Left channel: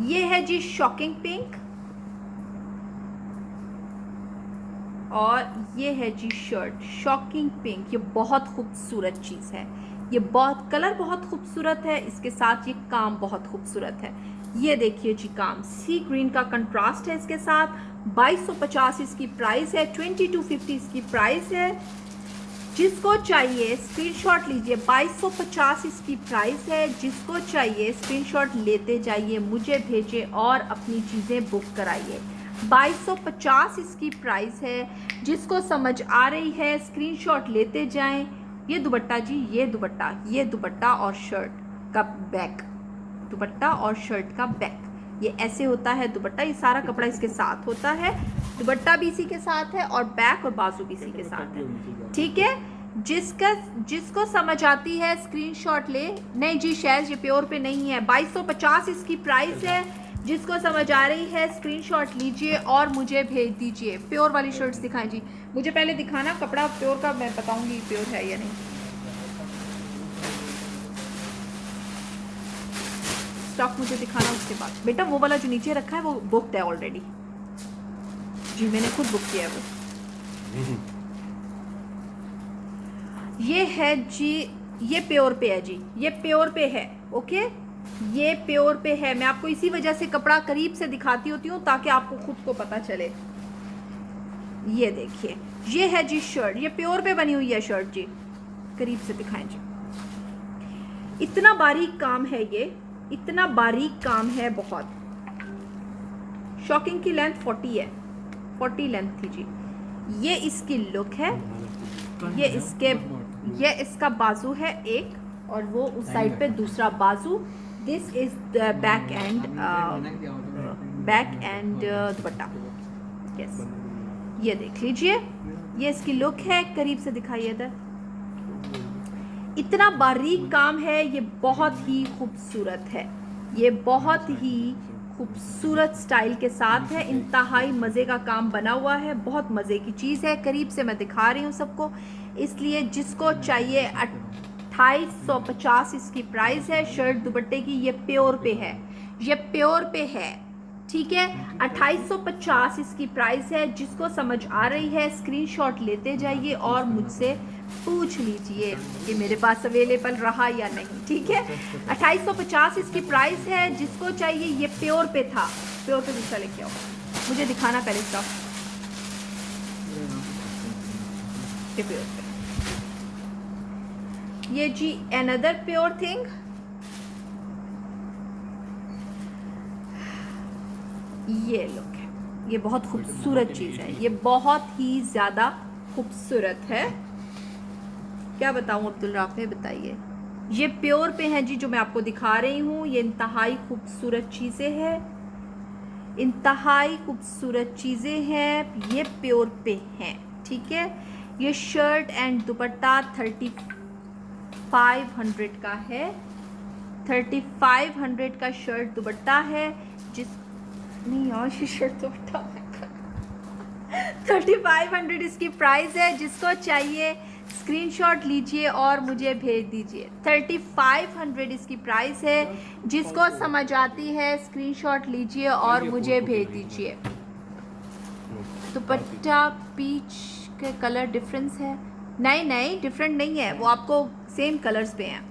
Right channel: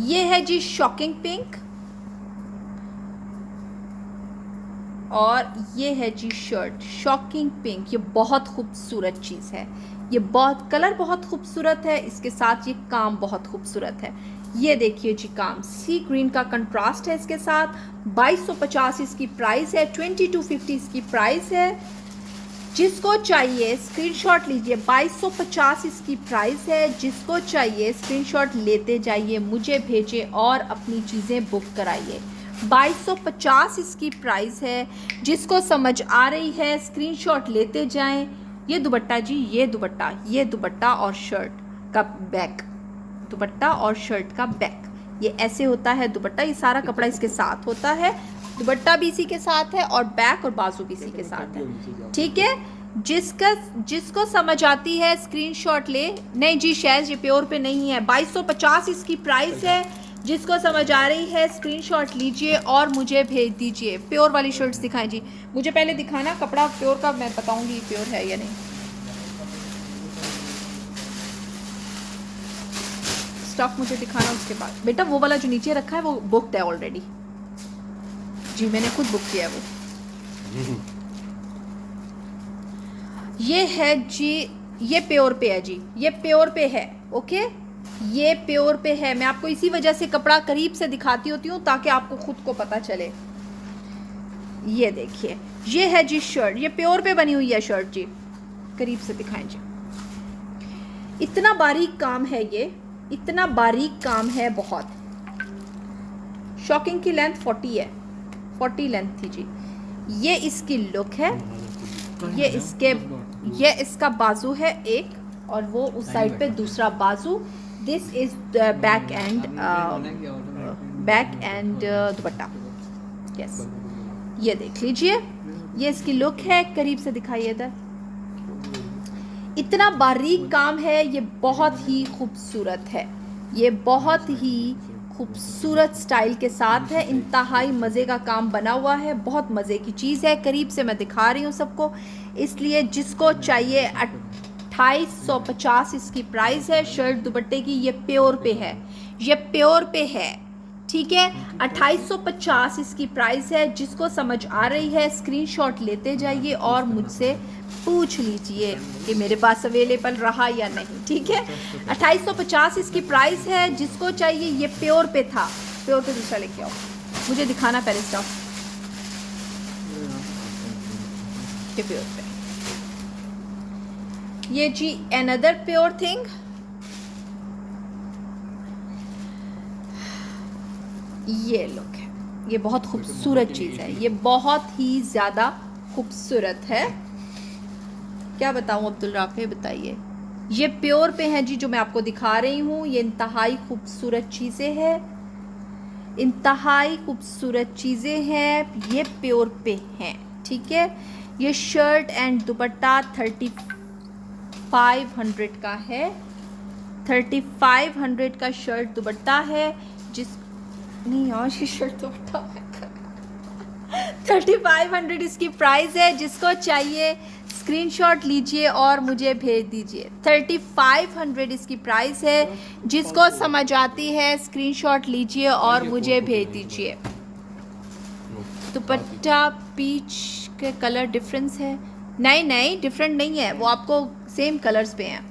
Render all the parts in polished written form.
ये है जी shocking pink, और ये है जी शर्ट शॉकिंग पिंक। ये बहुत खूबसूरत चीज़ है, ये बहुत कलर बहुत खूबसूरत है, इसके साथ ये काम बहुत खूबसूरत है। ये देखिए जी काम, सी ग्रीन का कंट्रास्ट है इसके साथ। 2250 इसकी प्राइस है, 2250 इसकी प्राइस है। जिसको चाहिए स्क्रीनशॉट लीजिए, 2250 इसकी प्राइस है। जिसको चाहिए स्क्रीनशॉट लेते जाइए, मुझे भेजिए और अपनी चीज़ें बुक कराइए। 2250 इसकी प्राइस है। जिसको समझ आ रही है स्क्रीनशॉट लेते जाएं। ये दुपट्टा जी, ये दुपट्टा और शर्ट का बैक, दुपट्टा और शर्ट का बैक, ये ऐसे होता है दुपट्टा। ये सारा कपड़ा इसके साथ होता है, दुपट्टा भी इसी के साथ है और बैक और बाजू भी इसी के साथ है, ठीक है। जिसको समझ आती है स्क्रीनशॉट ले। नहीं जी शैज, ये प्योर पे नहीं है, 2250 इसकी प्राइस है। जिसको समझ आ रही है स्क्रीनशॉट लीजिए और मुझे भेज दीजिए। प्योर वाली शर्ट्स दिखाएं जी, मुझे पहले दिखाना कपड़ा प्योर का, मैं बताऊंगी प्योर है या नहीं। स्टॉक मुझे दिखाना उसके बाद। बेटा वो वाला जो नीचे रखा है वो बुकड है ऑलरेडी जी, मैंने खुद बुक किया है वो। ये है जी, ये प्योर पे है जी, ये प्योर पे है, ओके। ये प्योर पे है, मैं आपको इसी वजह से कपड़ा करीब से दिखाती होती हूँ ताकि आपको खुद को पता चले। ये देखिए, ये है जी शर्ट, ये प्योर पे बनी हुई है शर्ट जी, करीब से दिखाएं जी। इतना बारीक काम है ये, इतना बारीक काम है बहुत। शॉकिंग की लेंथ 40 है, 40 लेंथ थी जी। ये इसकी लुक है, ये इसका बाजू है एक, और वो उस साइड पे दूसरा बाजू। This is back and dupatta, yes. ये देख लीजिए, ये इसकी लुक है, करीब से दिखाइए इधर। इतना बारीक काम है, ये बहुत ही खूबसूरत है, ये बहुत ही खूबसूरत स्टाइल के साथ है। इंतहाई मज़े का काम बना हुआ है, बहुत मज़े की चीज़ है। करीब से मैं दिखा रही हूँ सबको, इसलिए जिसको चाहिए 2850 इसकी प्राइस है। शर्ट दुपट्टे की, ये प्योर पे है, ये प्योर पे है, ठीक है। 2850 इसकी प्राइस है। जिसको समझ आ रही है स्क्रीनशॉट लेते जाइए और मुझसे पूछ लीजिए कि मेरे पास अवेलेबल रहा या नहीं, ठीक है। 2850 इसकी प्राइस है। जिसको चाहिए, ये प्योर पे था, प्योर पे दूसरा लेके आओ, मुझे दिखाना पहले इसका, ये प्योर पे। ये जी अनदर प्योर थिंग, ये लुक है, ये बहुत खूबसूरत चीज़ है, ये बहुत ही ज़्यादा खूबसूरत है। क्या बताऊँ अब्दुल राफे, बताइए। ये प्योर पे है जी, जो मैं आपको दिखा रही हूँ। ये इंतहाई खूबसूरत चीज़ें हैं, इंतहाई खूबसूरत चीज़ें हैं, ये प्योर पे हैं, ठीक है। ये शर्ट एंड दुपट्टा 3500 का है, 3500 का शर्ट दुपट्टा है। जिस नहीं यार, ये शर्ट दुपट्टा 3500 इसकी प्राइस है। जिसको चाहिए स्क्रीनशॉट लीजिए और मुझे भेज दीजिए। 3500 इसकी प्राइस है। जिसको समझ आती है स्क्रीनशॉट लीजिए और मुझे भेज दीजिए। दुपट्टा पीच के कलर डिफरेंस है, नहीं नहीं डिफरेंट नहीं है, वो आपको सेम कलर्स पे हैं।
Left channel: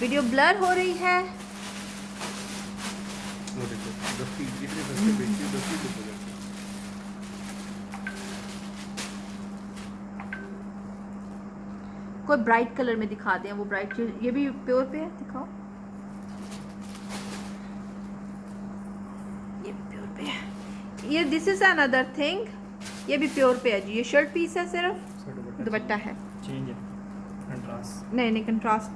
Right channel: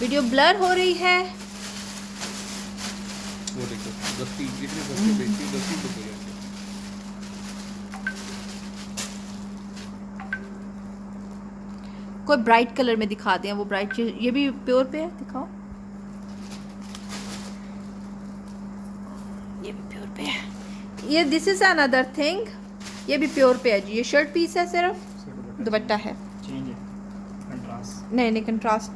वीडियो ब्लर हो रही है, कोई ब्राइट कलर में दिखा दें, वो ब्राइट, ये भी प्योर पे है, दिखाओ। ये भी प्योर पे है, ये दिस इज अनदर थिंग, ये भी प्योर पे है जी। ये शर्ट पीस है सिर्फ, दुपट्टा है नहीं नहीं कंट्रास्ट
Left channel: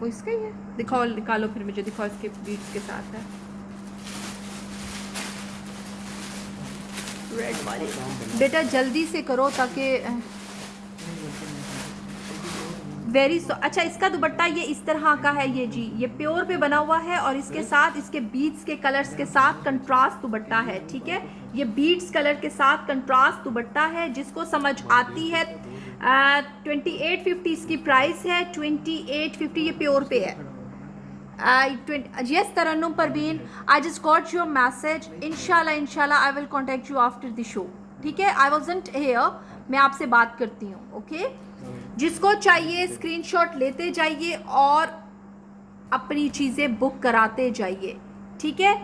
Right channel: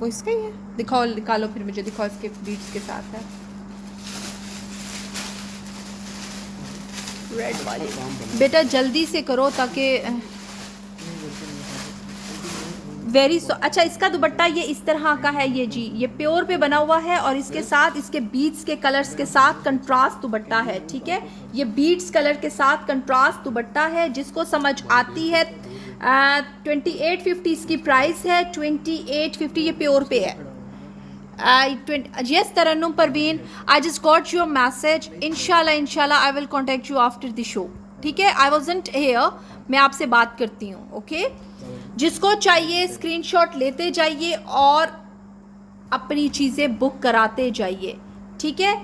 वो इसका ही है। दिखाओ, निकालो फिर मुझे दिखाओ, इसके बीट्स के साथ है रेड वाली। बेटा जल्दी से करो ताकि अच्छा, इसका दुपट्टा ये इस तरह का है, ये जी, ये प्योर पे बना हुआ है और इसके साथ इसके बीट्स के कलर्स के साथ कंट्रास्ट दुपट्टा है, ठीक है। ये बीट्स कलर के साथ कंट्रास्ट दुपट्टा है। जिसको समझ आती है 2850 इसकी प्राइस है, 2850, ये प्योर पे है। Yes, Tarannum Parveen, I just got your message. Inshallah, I will contact you after the show. ठीक है, I wasn't here. मैं आपसे बात करती हूँ. ओके, जिसको चाहिए स्क्रीनशॉट लेते जाइए और अपनी चीज़ें बुक कराते जाइए. ठीक है,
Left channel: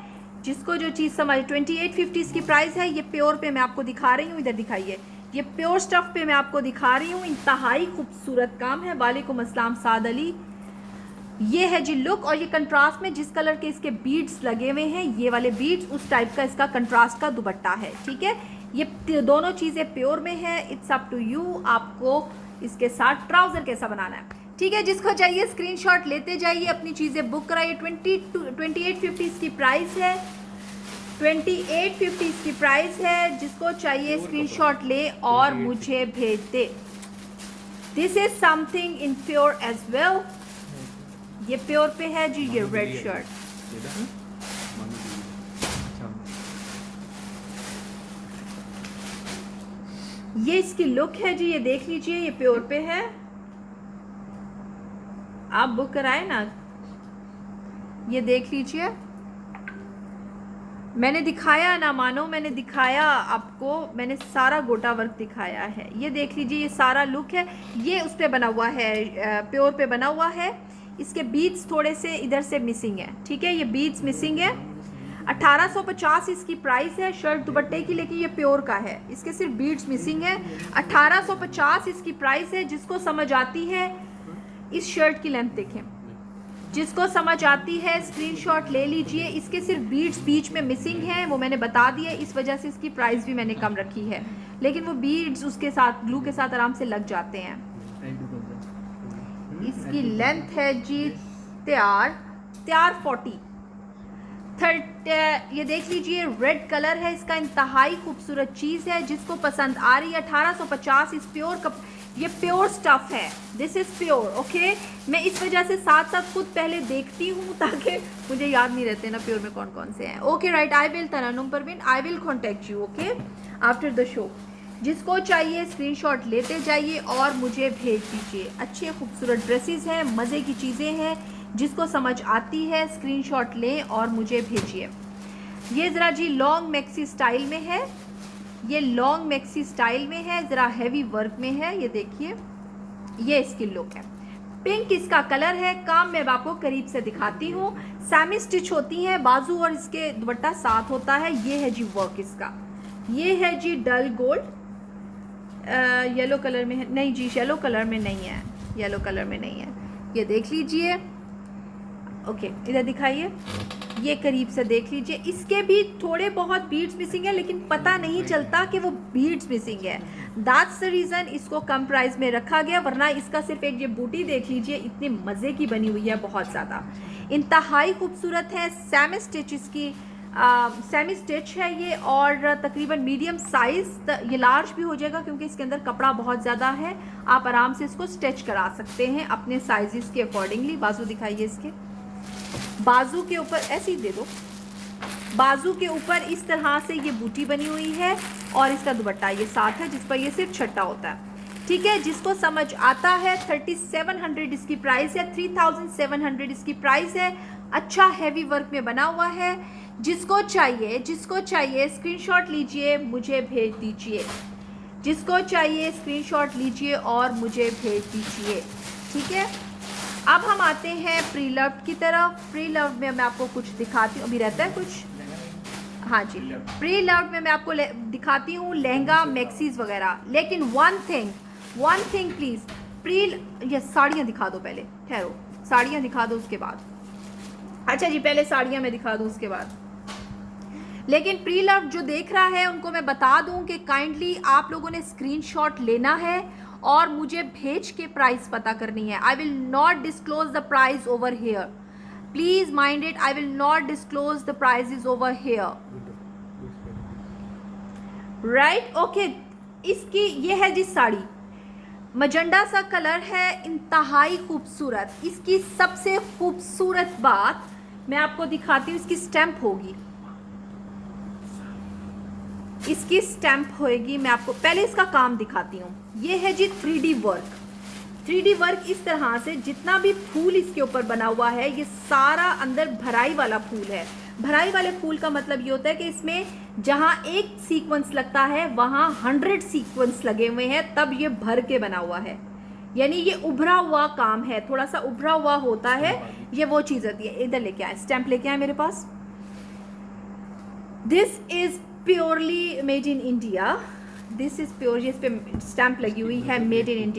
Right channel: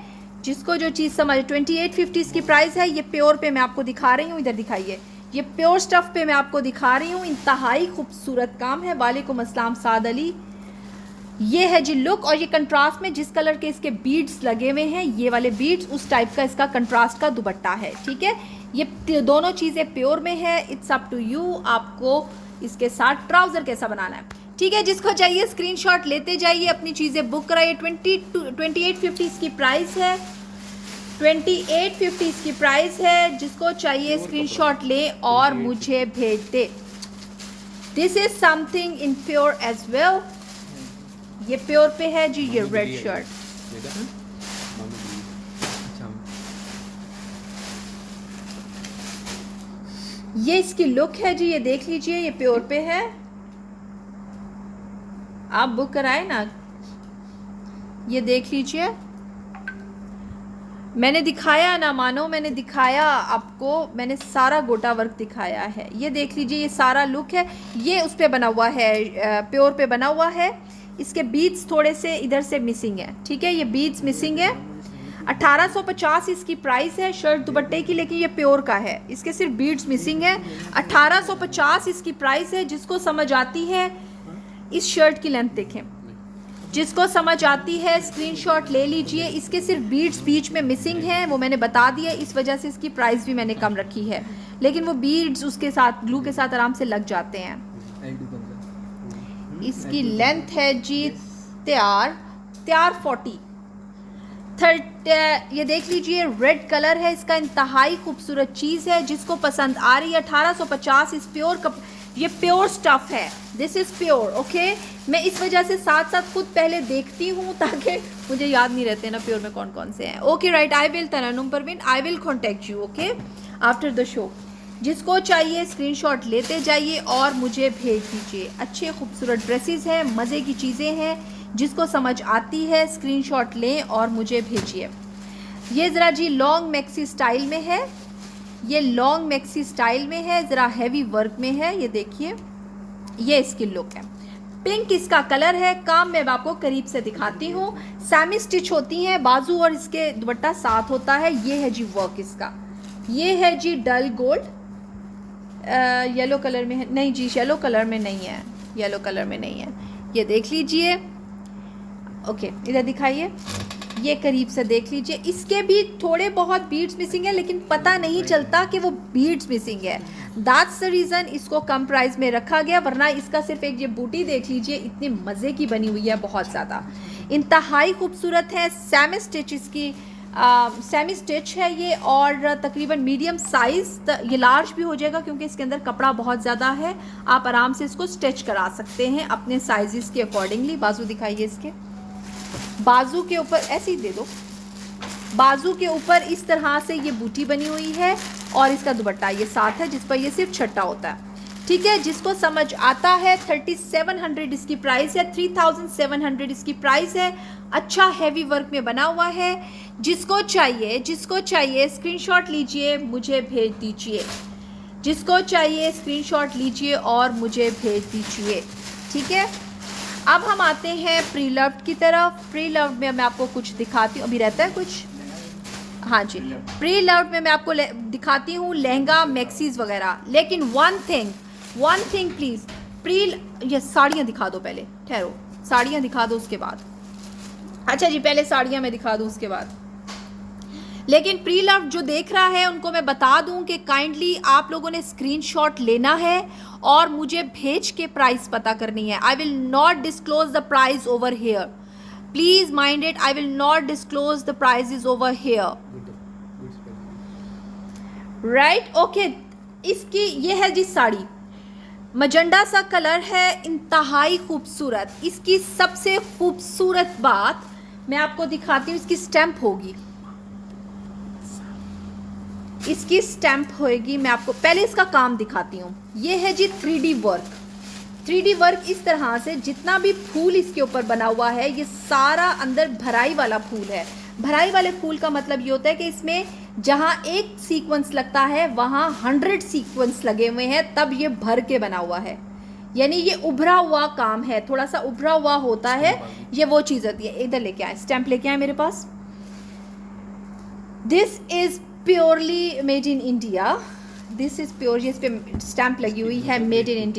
जिसको जो चीज़ समझ. 2850 इसकी प्राइस है. ये प्योर पे मैं आपको दिखा रही हूँ. इधर दिखाइए. ये प्योर स्टफ पे मैं आपको दिखा रही हूँ. इंतहाई खूबसूरत काम है. वालेकुम अस्सलाम साद अली. ये है जी लुक. और ये कंट्रास्ट में जिस कलर के इसके बीड्स लगे हुए हैं, ये वाले बीड्स, उस टाइप का इसका कंट्रास्ट का दुपट्टा है. ठीक है, ये दोनों चीज़ें प्योर में है. इट्स अप टू यू, आपको इसके साथ ट्राउज़र कैसा बनाना है. ठीक है, जिसको चाहिए स्क्रीनशॉट लेते जाइए, अपनी चीज़ें बुक कराइए. 2850 इसकी प्राइस है. 2850 इसकी प्राइस है. जिसको चाहिए स्क्रीनशॉट ले और मुझे भेज दे. This is something in pure as well. ये प्योर पे है जी. ये रेड शर्ट, ये इसकी लुक है जी. ये देख लीजिए, ये प्योर पे है. आप बुक कराए ना, ये देख लीजिए. मैंने दिखाया ना, मानो मैंने दिखाया आपको. मैंने सारा गोटा वर्क दिखाया है. ये देख लीजिए, ये सारा लुक है. ये उस पे बना हुआ है, प्योर पे बना हुआ है. इसके बीड्स थोड़े से इधर से मिसिंग है. ठीक है, ये बीड्स मिसिंग है. 1850 इसकी प्राइस है शर्ट दुपट्टे की, लेकिन ये प्योर का है. इसके सिर्फ बीड्स मिसिंग है. 1850 इसकी प्राइस है. जिसको समझ आती है, इस शर्ट की लेंथ देखें. जिसको समझ आती है स्क्रीनशॉट ले लीजिए. इसके सिर्फ बीड्स बीच में मिसिंग हैं, वो मैंने बता दिया. इस वजह से इसकी प्राइस भी मैंने कम रखी है, लेकिन वो बीड्स उसके साथ ग्लू के साथ आराम से लग जाते हैं. इसकी लेंथ है जी तैयार 40. ये देख लीजिए, रेड कलर है इसका. इंतहाई खूबसूरत चीज़ है. जिसको पसंद आ रही है. 1850 इस प्योर ये प्योर स्टफ है. This is pure. ओके, मैं इस वजह से साथ साथ खुद पहले देखती हूँ, ताकि मुझे याद नहीं रहते ना प्योर में कौन कौन से हैं. Okay right, I will Tarannum Parveen, I will contact you. Okay, after the show. जिसको चाहिए स्क्रीनशॉट लेते जाइए और मुझे भेज दीजिए. अच्छे खूबसूरत ड्रेसेस हैं, मज़े की चीज़ें हैं. जिसको समझ आती है स्क्रीनशॉट लें और मुझे भेजिए. ये ज़रा जी लॉन्ग मैक्सी स्टाइल में है. ये लॉन्ग मैक्सी स्टाइल में है, ज़रा हैवी वर्क में है. ये देखिए, ये इसकी लुक है. पिंक इसका कलर है. काम मैं आपको करीब से दिखाती हूँ. सेमी स्टिच होती हैं बाजू और इसके दुपट्टा साथ होता है. ये है जी वर्क इसका. ये है जी डल गोल्ड. येलो कलर में है. नहीं जी, येलो कलर में नहीं है. येलो कलर में नहीं है. ये देख लीजिए. ओके, इधर दिखाइए. ये करीब से देख लीजिए. इसके भी थोड़े बहुत बीड्स मिसिंग है, लेकिन पता नहीं चलता कि वो बीड्स मिसिंग है. दैट्स द रीज़न इसको कम प्राइस में रखा गया. वरना इसका सिर्फ एक ये बूटी देख लीजिए, इतने मज़े की बनी हुई है, बहुत ज़्यादा. इंतहाई खूबसूरत है. सेमी स्टिच इसकी सेमी स्टिच है ये, और तकरीबन मीडियम साइज़. ये लार्ज भी हो जाएगा क्योंकि इसके अंदर कपड़ा बहुत ज़्यादा है. आप आराम से इसको स्टिच करा सकते हैं अपने साइज़ के अकॉर्डिंगली. बाजू दिखाइए. इसके बाजू के ऊपर ऐसे ही दे दो. बाजू के ऊपर इस तरह से ये बूटी बनी हुई है और इसका दुपट्टा ये साथ है, जिस पर ये सिर्फ छट्टा होता है. ठीक है, जिसको समझ आता है. 3700 इसकी प्राइस है. 3700 इसकी प्राइस है. अच्छा हैवी वर्क में बना हुआ है. जिसको चाहिए स्क्रीनशॉट लीजिए, मुझे भेज दीजिए. जिसको चाहिए स्क्रीनशॉट लीजिए और मुझे भेज दीजिए. ठीक है, अब हम आते हैं प्री लव्ड की तरफ. प्री लव्ड में मैं आपको कुछ दिखाती हूँ. अभी रहता है कुछ, हाँ जी. प्री लव्ड में मैं आपको दिखाती हूँ लहंगा मैक्सीज वगैरह. लेकिन वन थिंग प्लीज़, ये साड़ियाँ दिखा दो पहले. ठहरो, साड़ियाँ दिखा दो उसके बाद. अच्छा जी, पहले साड़ियाँ मैं दिखा दूँ उसके बाद. लेकिन प्री लव्ड जो देख रहा है उनको मैं बता दूं कि काइंडली आप लोगों ने स्क्रीनशॉट लेना है और मुझे भेज के प्राइस पता करनी है. I will not disclose the price over here. Please mind it, I will not disclose the price over here. Right, okay. इसकी ये है जी साड़ी. मजंडा सा कलर है, इंतहाई खूबसूरत. इसकी सबसे खूबसूरत बात मैं आपको दिखाती हूँ. इसकी स्टैम्प होगी, इसकी स्टैम्प होएगी. मैं आपको पहले इसका काम दिखाती हूँ. ये है जी 3D वर्क. 3D वर्क इस तरह से, जितना भी फूल इसके ऊपर बना हुआ है ये सारा अंदर भराई वाला फूल है। भराई वाले फूल का मतलब ये होता है कि इसमें जहाँ एक सीक्वेंस लगता है वहाँ 100 सीक्वेंस लगे हुए हैं, तब ये भर के बना हुआ है। यानी ये उभरा हुआ काम है, थोड़ा सा उभरा हुआ होता है, ये वो चीज़ होती है। इधर लेके आए, स्टैम्प लेके आए मेरे पास। This is purely made in India, this is pure, इस पे स्टैम्प लगी हुई है मेड इन इंडिया।